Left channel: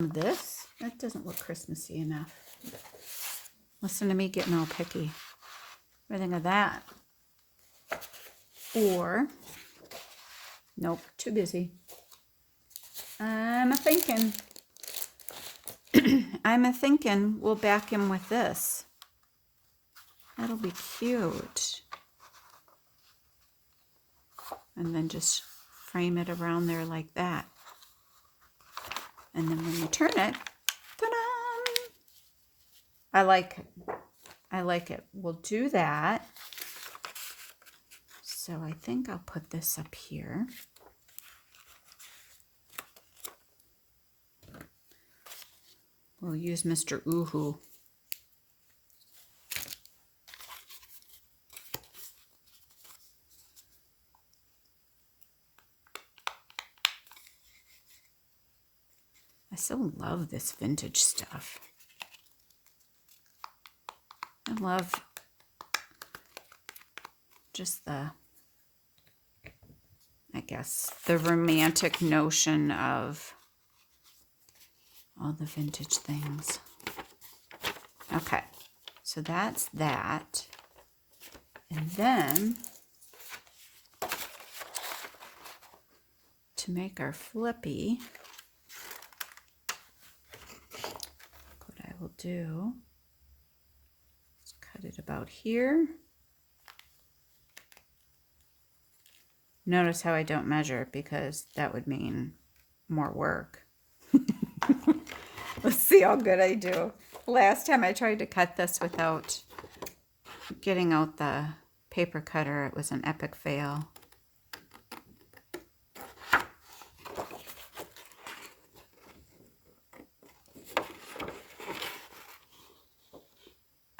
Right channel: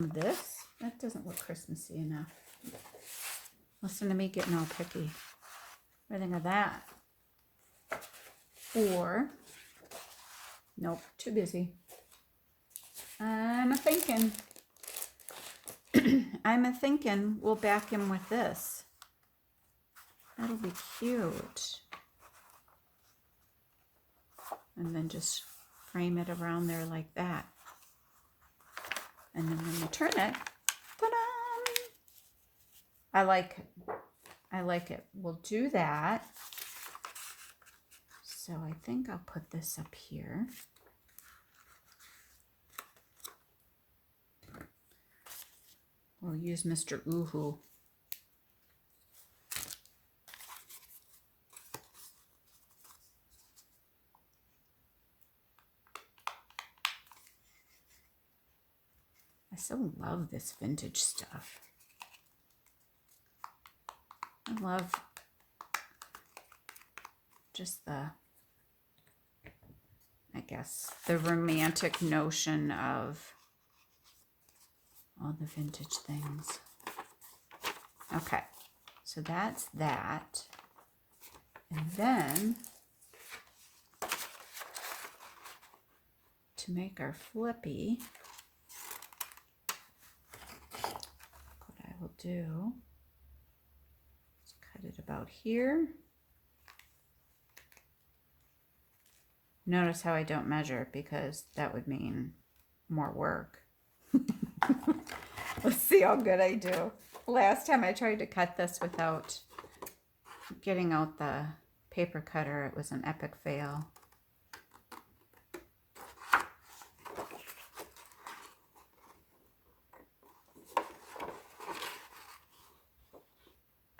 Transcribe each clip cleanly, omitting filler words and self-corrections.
This, that doesn't look Christmassy enough. Listen to me getting all picky. What do you think of that? Or, nope, too busy. I'm a-thinking. I'm a-thinking we'll back him with this. That'll be cute. And then just frame it around there like that. And then when you turn it, ta-da! I like it. I like it. We'll do that. So I think I'll put this up here. We'll use Mr. Oohoo. I so love this vintage stuff. I love just the, I guess, the romantic notion of all the vintage things. Okay, so that's that. And then, to make our flippy, what I will do is cut it about here. Notice how I don't measure it because that would mean more work. Let's see how good I do. Last time I tried to cut this without getting out the paper cutter, it was an epic fail.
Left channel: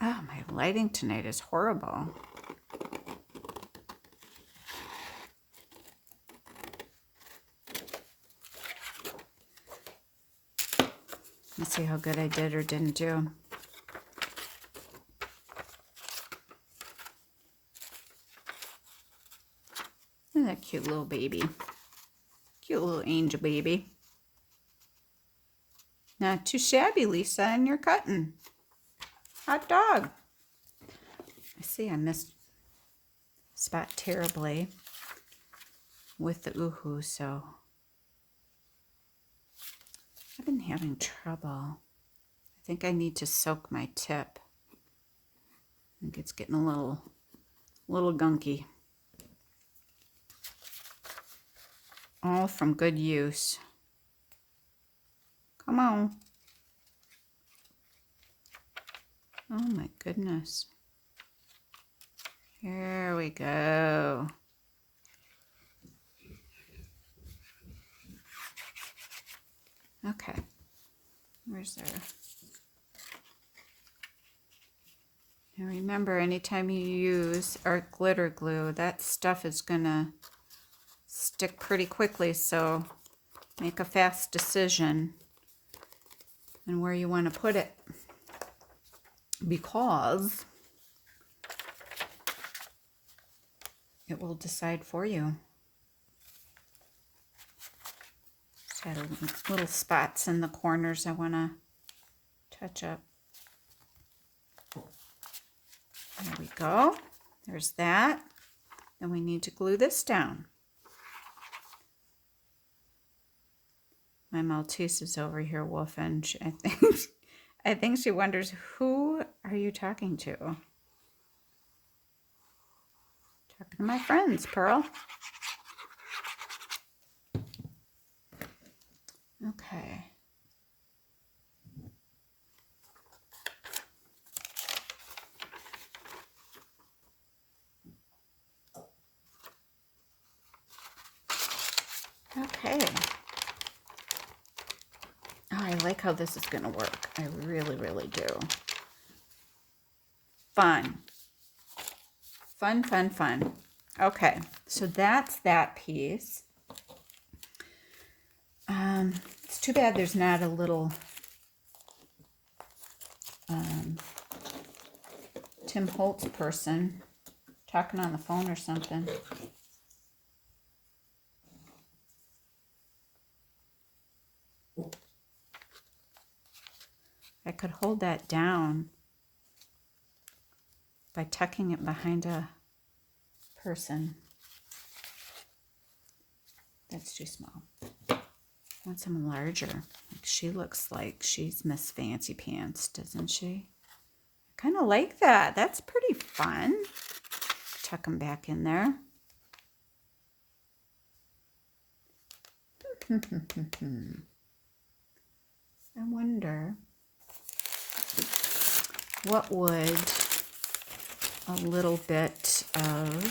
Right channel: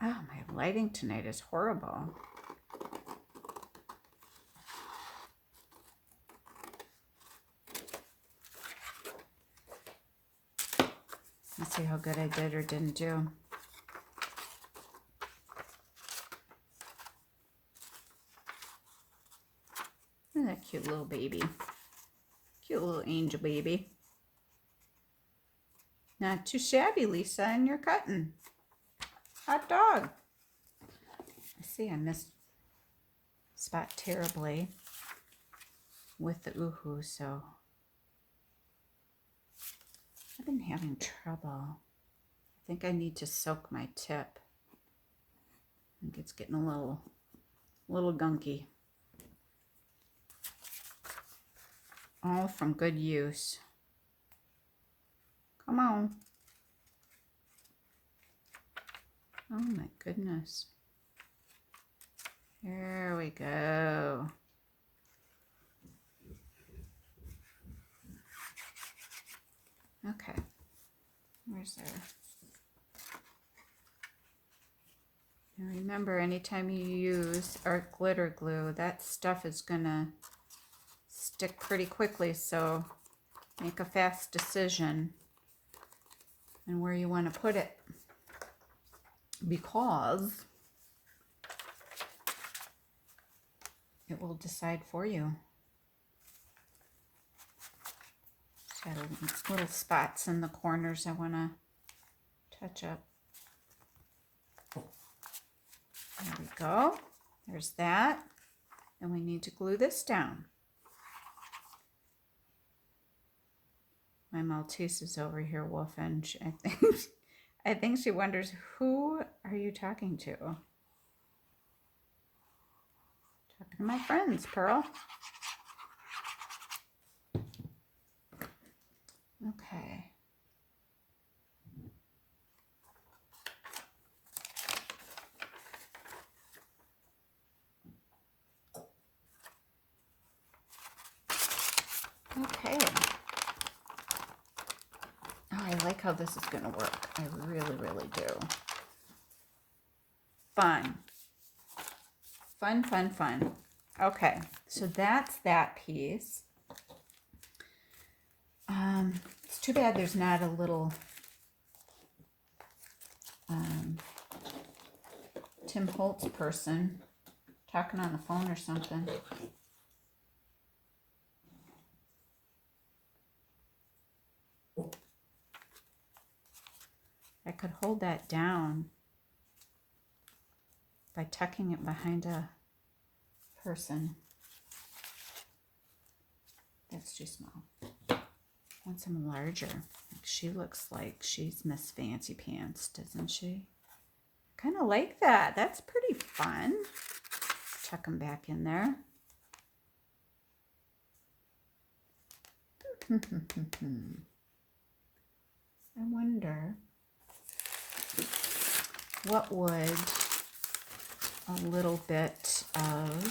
Oh, my lighting tonight is horrible. Let's see how good I did or didn't do. Isn't that cute little baby? Cute little angel baby. Not too shabby, Lisa, and you're cutting. Hot dog. I see I missed spot terribly with the Oohoo, so I've been having trouble. I think I need to soak my tip. I think it's getting a little gunky. All from good use. Come on. Oh my goodness. Here we go. Okay. Where's there? And remember, anytime you use art glitter glue, that stuff is gonna stick pretty quickly, so make a fast decision on where you want to put it, because it will decide for you. Just got little spots in the corners I want to touch up. There we go. There's that. Then we need to glue this down. My Maltese is over here woofing. I think she wonders, who are you talking to? Talking to my friends, Pearl. Okay. Okay. Oh, I like how this is going to work. I really, really do. Fun. Fun, fun, fun. Okay, so that's that piece. It's too bad there's not a little Tim Holtz person talking on the phone or something. I could hold that down by tucking it behind a person. That's too small. I want something larger. Like she looks like she's Miss Fancy Pants, doesn't she? I kind of like that. That's pretty fun. Tuck them back in there. I wonder what would a little bit of,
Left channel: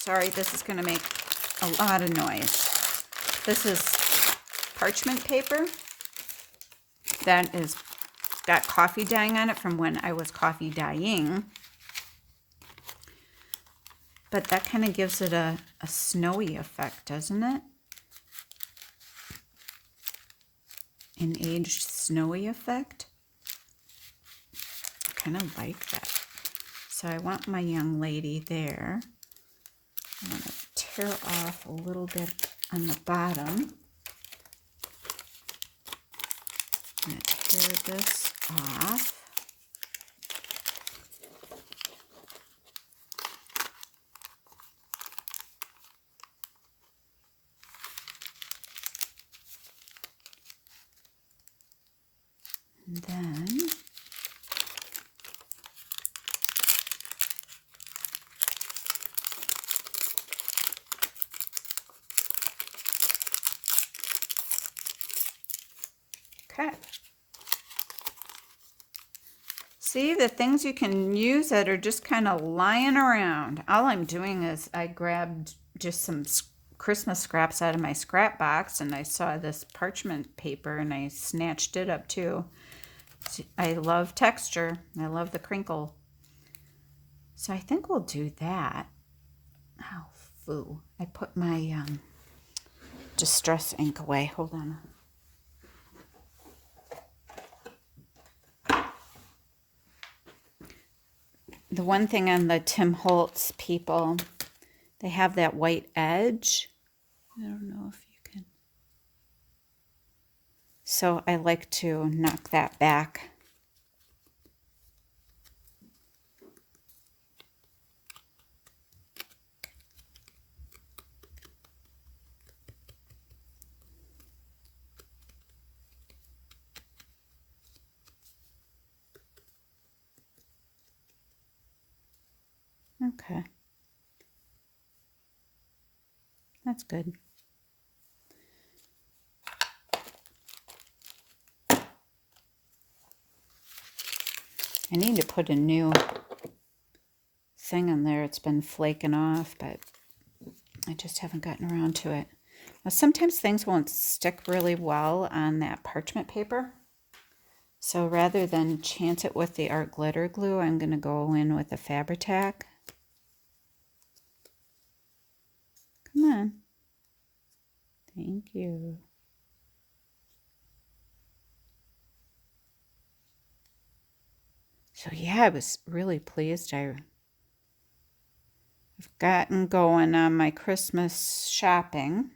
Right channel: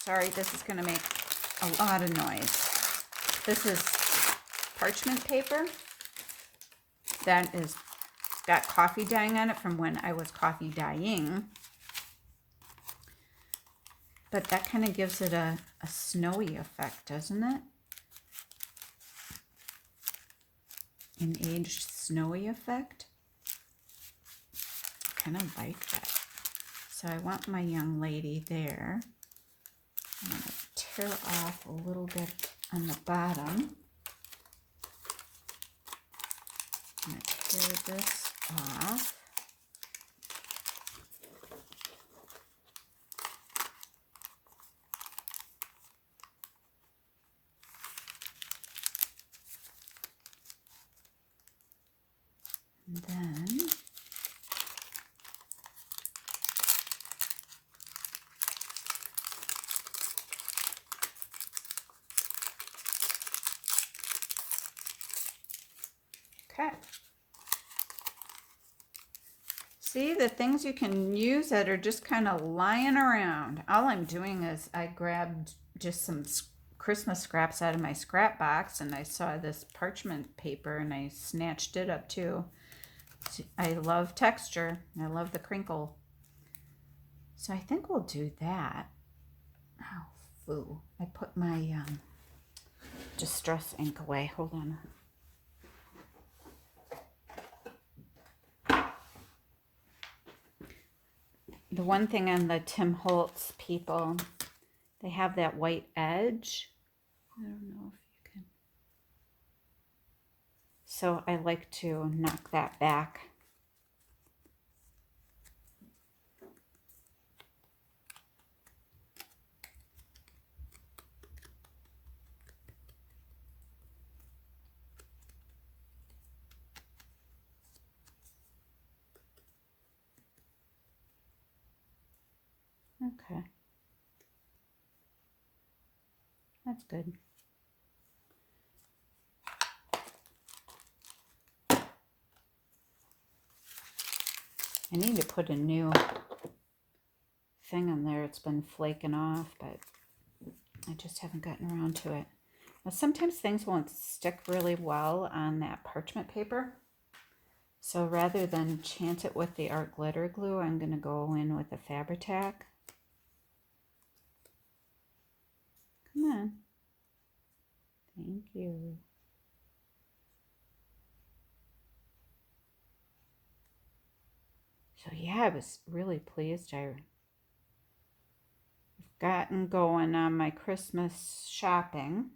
sorry, this is going to make a lot of noise. This is parchment paper that is got coffee dyeing on it from when I was coffee dyeing. But that kind of gives it a snowy effect, doesn't it? An aged snowy effect. I kind of like that. So I want my young lady there. I'm going to tear off a little bit on the bottom. I'm going to tear this off. And then okay. See, the things you can use that are just kind of lying around. All I'm doing is I grabbed just some Christmas scraps out of my scrap box, and I saw this parchment paper and I snatched it up too. I love texture. I love the crinkle. So I think we'll do that. Oh, foo. I put my Distress ink away. Hold on. The one thing on the Tim Holtz people, they have that white edge. I don't know if you can. So I like to knock that back. Okay. That's good. I need to put a new thing on there. It's been flaking off, but I just haven't gotten around to it. Now, sometimes things won't stick really well on that parchment paper. So rather than chance it with the art glitter glue, I'm going to go in with a Fabri-Tac. Come on. Thank you. So yeah, I was really pleased. I've gotten going on my Christmas shopping.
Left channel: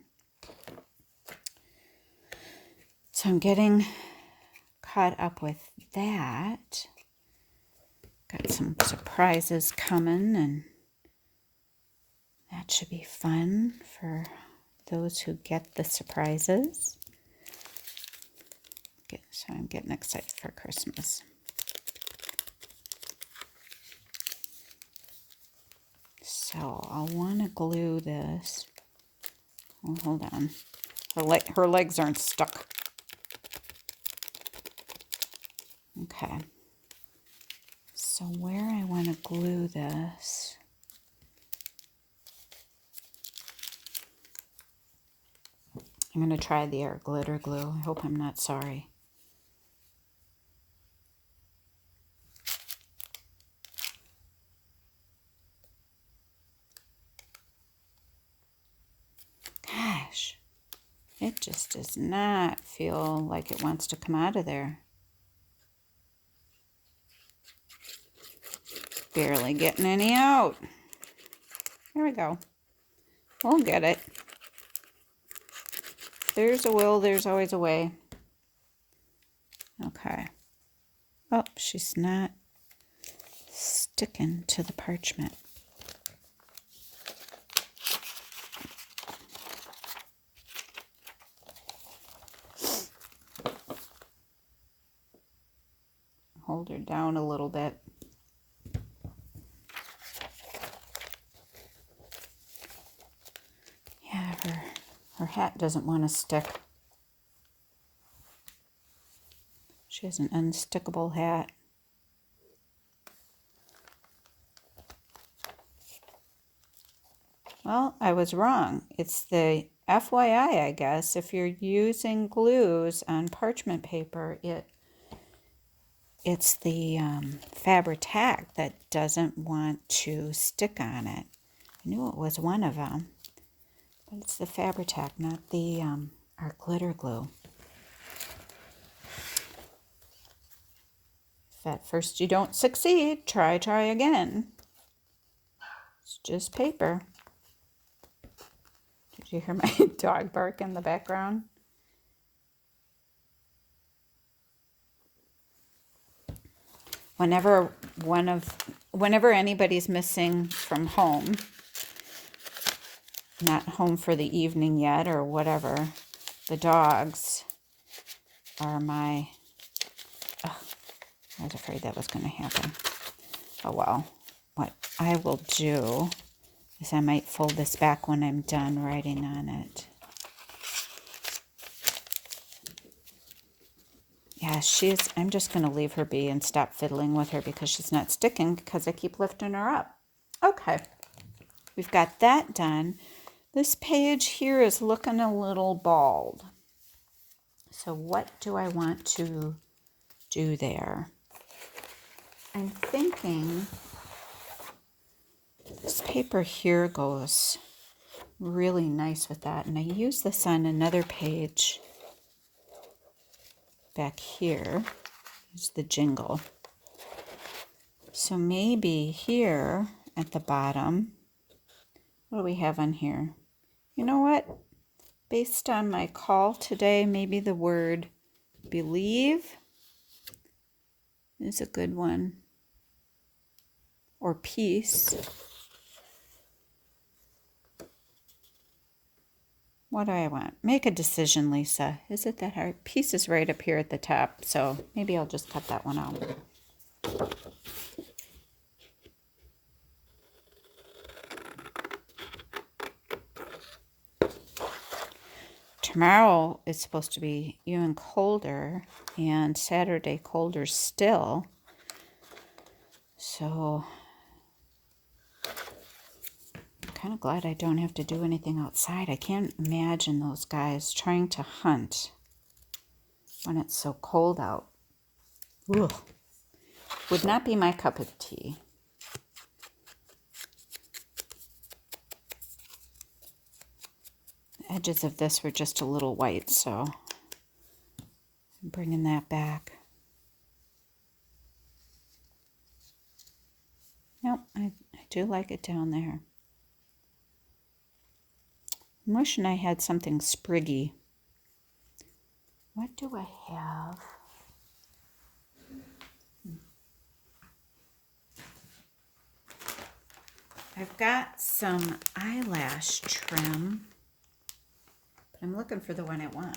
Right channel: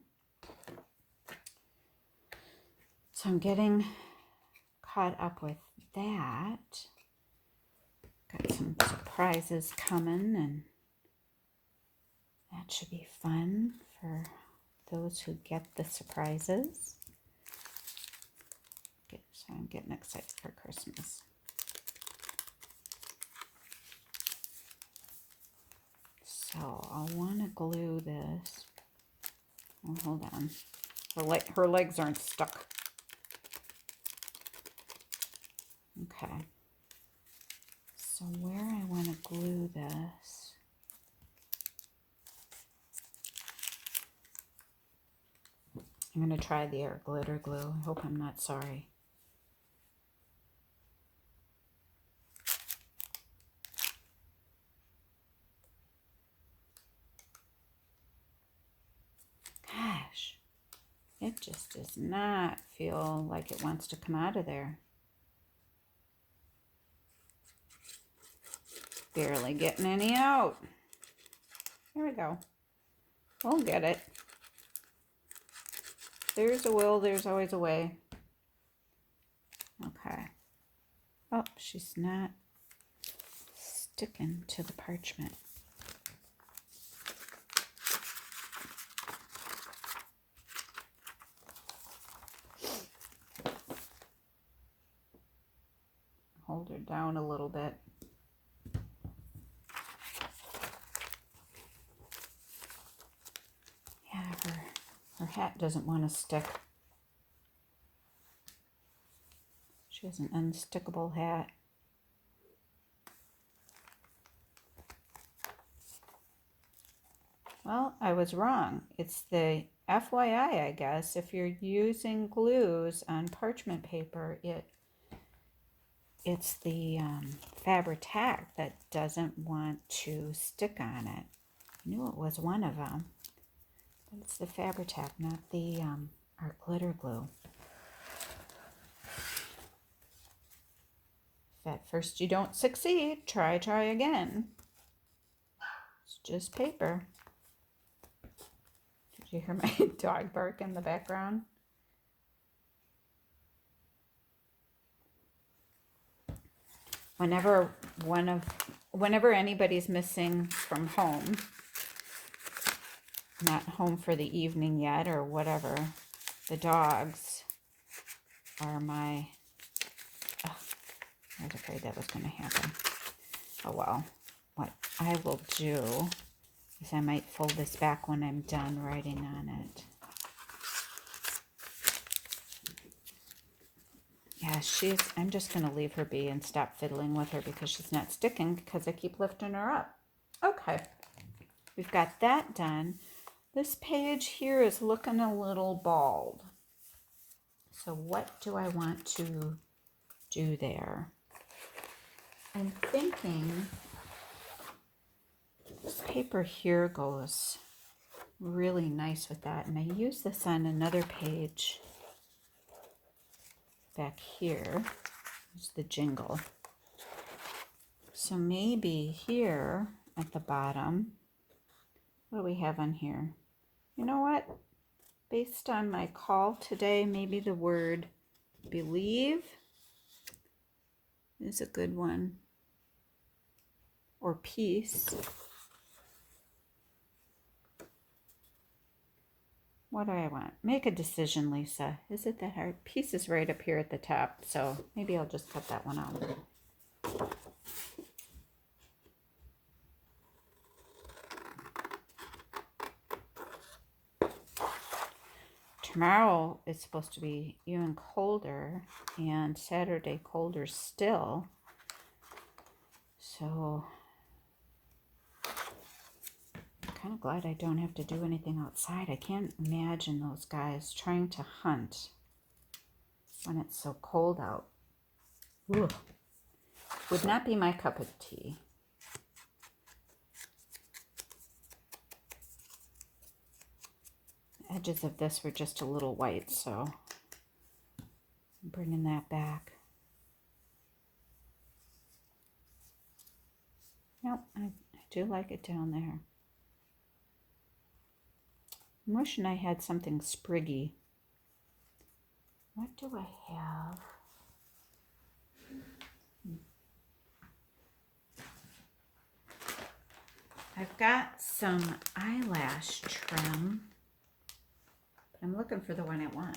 So I'm getting caught up with that. Got some surprises coming, and that should be fun for those who get the surprises. So I'm getting excited for Christmas. So I want to glue this. Oh, hold on. Her legs aren't stuck. Okay. So where I want to glue this. I'm going to try the art glitter glue. I hope I'm not sorry. Gosh, it just does not feel like it wants to come out of there. Barely getting any out. There we go. We'll get it. there's a will, there's always a way. Okay. Oh, she's not sticking to the parchment. Hold her down a little bit. Yeah, her hat doesn't want to stick. She has an unstickable hat. Well, I was wrong. It's the FYI, I guess. If you're using glues on parchment paper, it's the Fabri-Tac that doesn't want to stick on it. I knew it was one of them, but it's the Fabri-Tac, not the our glitter glue. If at first you don't succeed, try again. It's just paper. Did you hear my dog bark in the background? Whenever anybody's missing from home, not home for the evening yet or whatever, the dogs are my... I was afraid that was going to happen. Oh well. What I will do is I might fold this back when I'm done writing on it. Yeah, I'm just going to leave her be and stop fiddling with her because she's not sticking because I keep lifting her up. Okay. We've got that done. This page here is looking a little bald. So what do I want to do there? I'm thinking this paper here goes really nice with that. And I use this on another page back here. Is the jingle. So maybe here at the bottom, what do we have on here? You know what? Based on my call today, maybe the word believe is a good one. Or peace. What do I want? Make a decision, Lisa. Is it that hard? Peace is right up here at the top, so maybe I'll just cut that one out. Tomorrow is supposed to be even colder, and Saturday colder still. So I'm kind of glad I don't have to do anything outside. I can't imagine those guys trying to hunt when it's so cold out. Ugh. Would not be my cup of tea. The edges of this were just a little white, so I'm bringing that back. Nope, I do like it down there. I'm wishing I had something spriggy. What do I have? I've got some eyelash trim, but I'm looking for the one I want.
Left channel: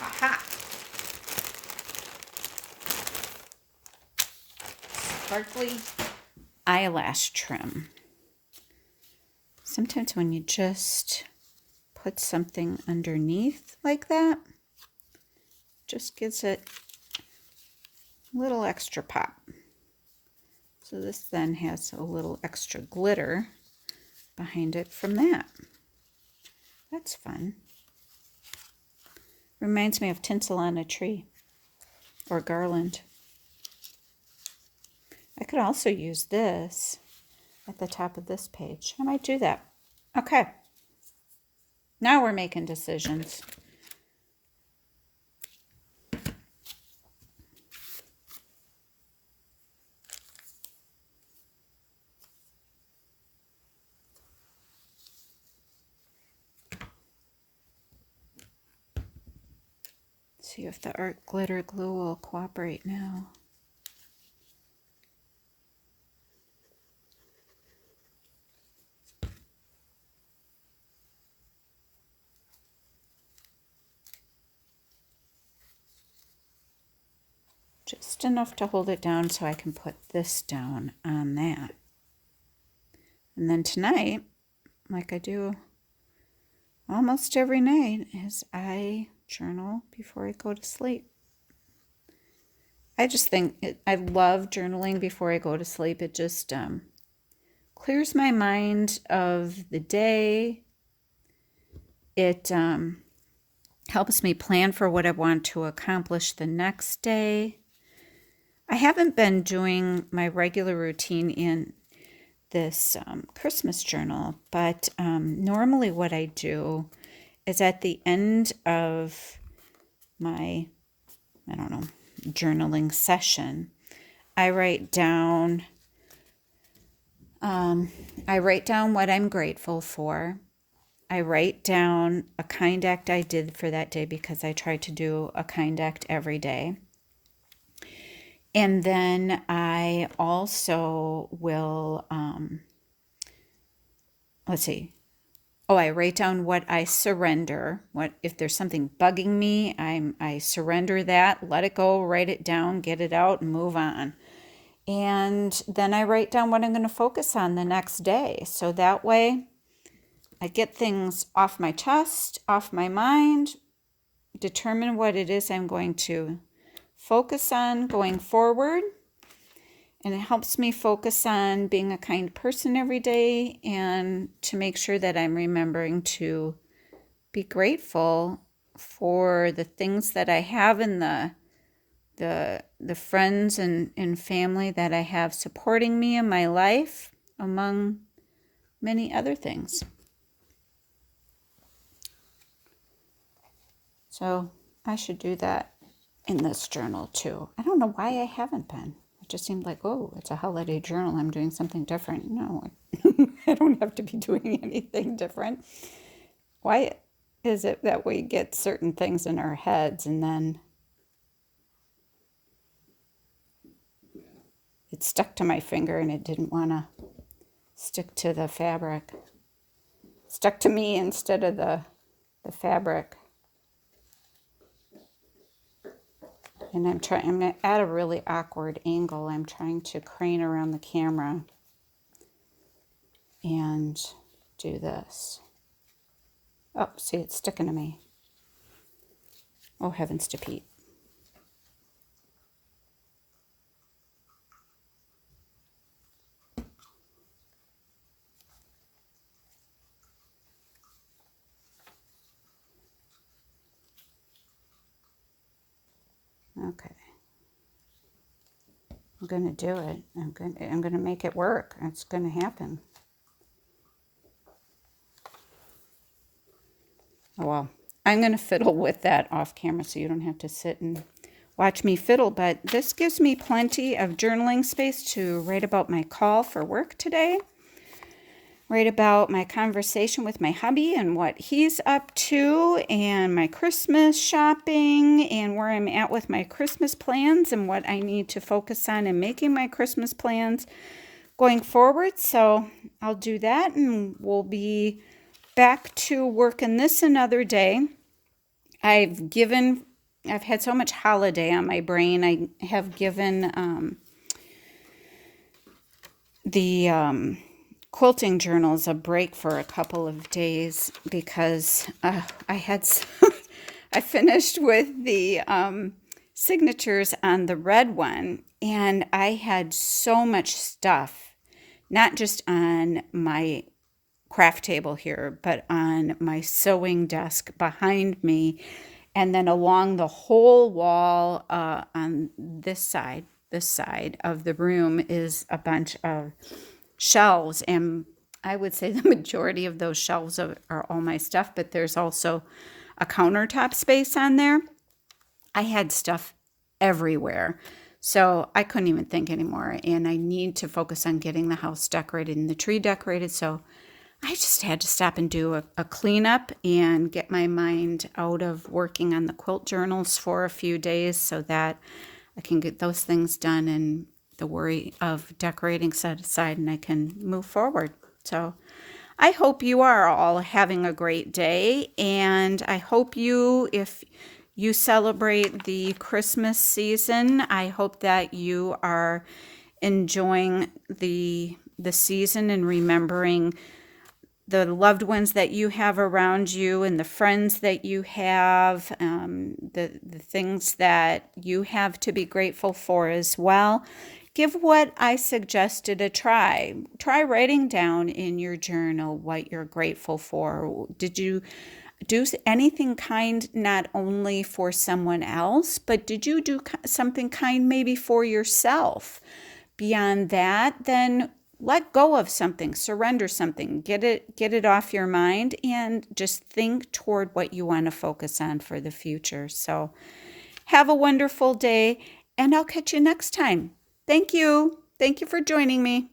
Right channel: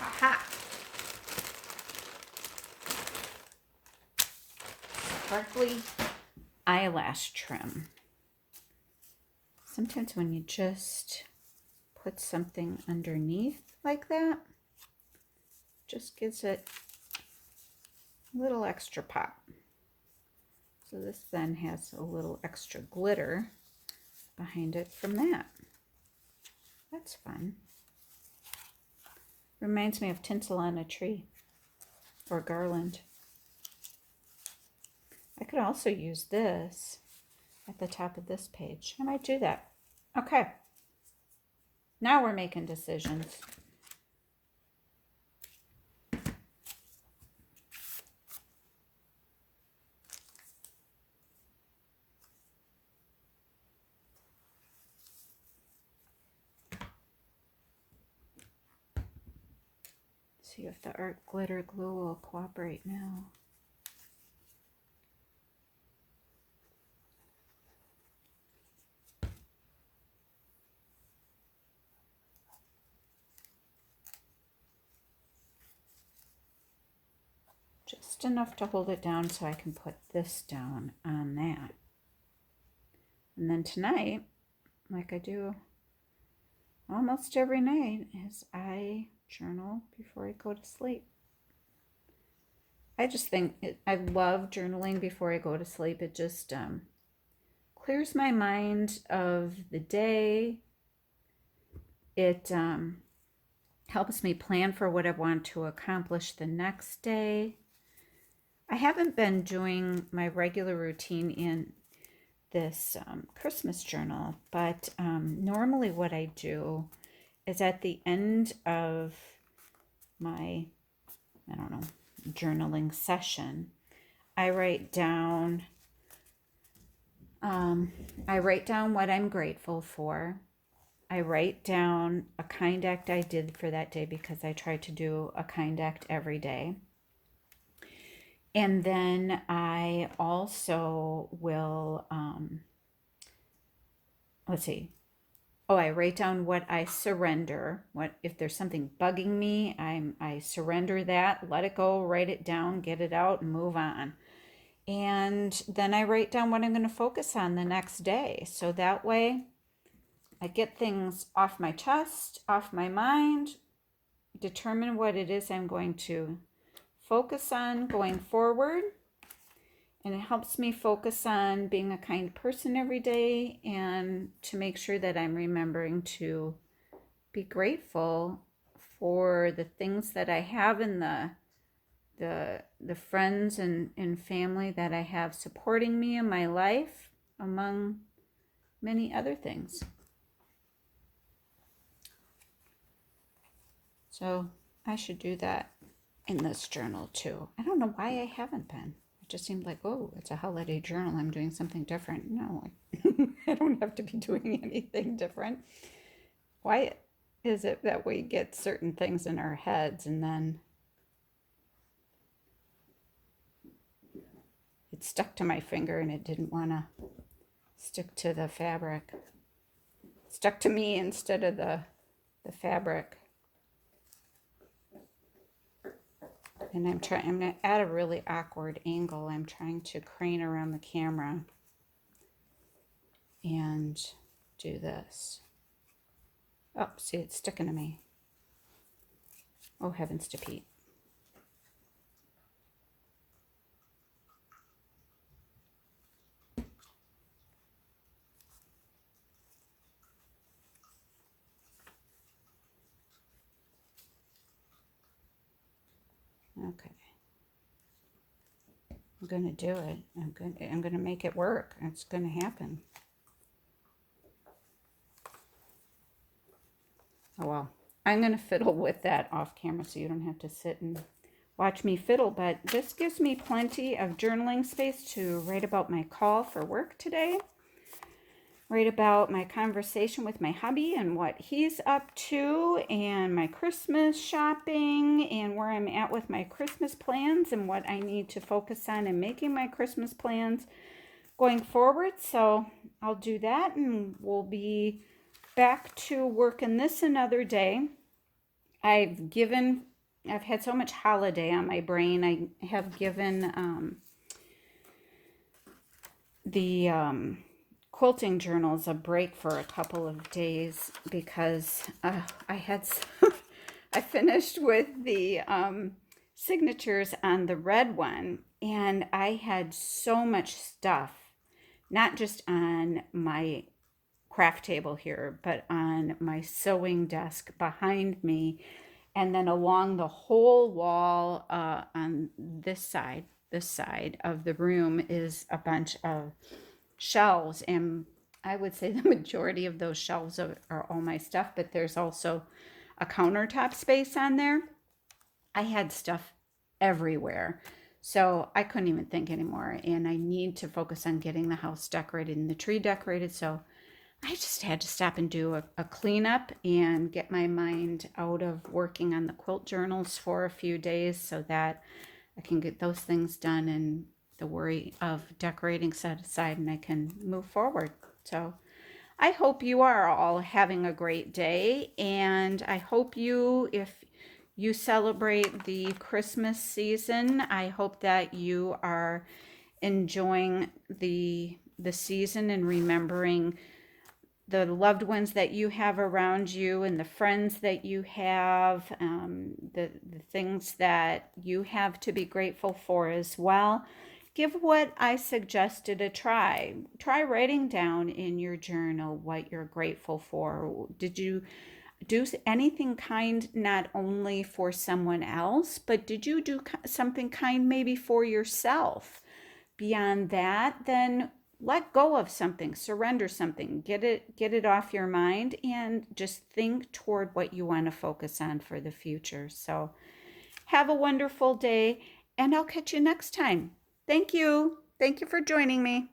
Aha! Sparkly eyelash trim. Sometimes when you just put something underneath like that, just gives it a little extra pop. So this then has a little extra glitter behind it from that. That's fun. Reminds me of tinsel on a tree or garland. I could also use this at the top of this page. I might do that. Okay. Now we're making decisions. See if the art glitter glue will cooperate now. Just enough to hold it down so I can put this down on that. And then tonight, like I do almost every night, is I journal before I go to sleep. I just think I love journaling before I go to sleep. It just clears my mind of the day. It helps me plan for what I want to accomplish the next day. I haven't been doing my regular routine in this Christmas journal, but normally what I do is at the end of my, I don't know, journaling session, I write down what I'm grateful for. I write down a kind act I did for that day because I try to do a kind act every day. And then I also will, I write down what I surrender. What if there's something bugging me, I surrender that, let it go, write it down, get it out, and move on. And then I write down what I'm going to focus on the next day. So that way I get things off my chest, off my mind, determine what it is I'm going to focus on going forward. And it helps me focus on being a kind person every day and to make sure that I'm remembering to be grateful for the things that I have and the friends and family that I have supporting me in my life, among many other things. So I should do that in this journal too. I don't know why I haven't been. It just seemed like, oh, it's a holiday journal, I'm doing something different. No, I don't have to be doing anything different. Why is it that we get certain things in our heads and then it stuck to my finger and it didn't want to stick to the fabric? It stuck to me instead of the fabric. And I'm at a really awkward angle. I'm trying to crane around the camera and do this. Oh, see, it's sticking to me. Oh, heavens to Pete. Okay. I'm going to do it. I'm going to make it work. It's going to happen. Oh, well, I'm going to fiddle with that off camera so you don't have to sit and watch me fiddle, but this gives me plenty of journaling space to write about my call for work today, write about my conversation with my hubby and what he's up to, and my Christmas shopping, and where I'm at with my Christmas plans and what I need to focus on in making my Christmas plans going forward. So I'll do that, and we'll be back to working this another day. I've had so much holiday on my brain. I have given the quilting journals a break for a couple of days because I finished with the signatures on the red one, and I had so much stuff, not just on my craft table here, but on my sewing desk behind me, and then along the whole wall on this side of the room is a bunch of shelves, and I would say the majority of those shelves are all my stuff, but there's also a countertop space on there. I had stuff everywhere, so I couldn't even think anymore, and I need to focus on getting the house decorated and the tree decorated, so I just had to stop and do a cleanup and get my mind out of working on the quilt journals for a few days so that I can get those things done and the worry of decorating set aside and I can move forward. So I hope you are all having a great day, and I hope if you celebrate the Christmas season, I hope that you are enjoying the season and remembering the loved ones that you have around you and the friends that you have, the things that you have to be grateful for as well. Give what I suggested a try. Try writing down in your journal what you're grateful for. Did you do anything kind not only for someone else, but did you do something kind maybe for yourself? Beyond that, then let go of something, surrender something, get it off your mind, and just think toward what you want to focus on for the future. So have a wonderful day, and I'll catch you next time. Thank you for joining me.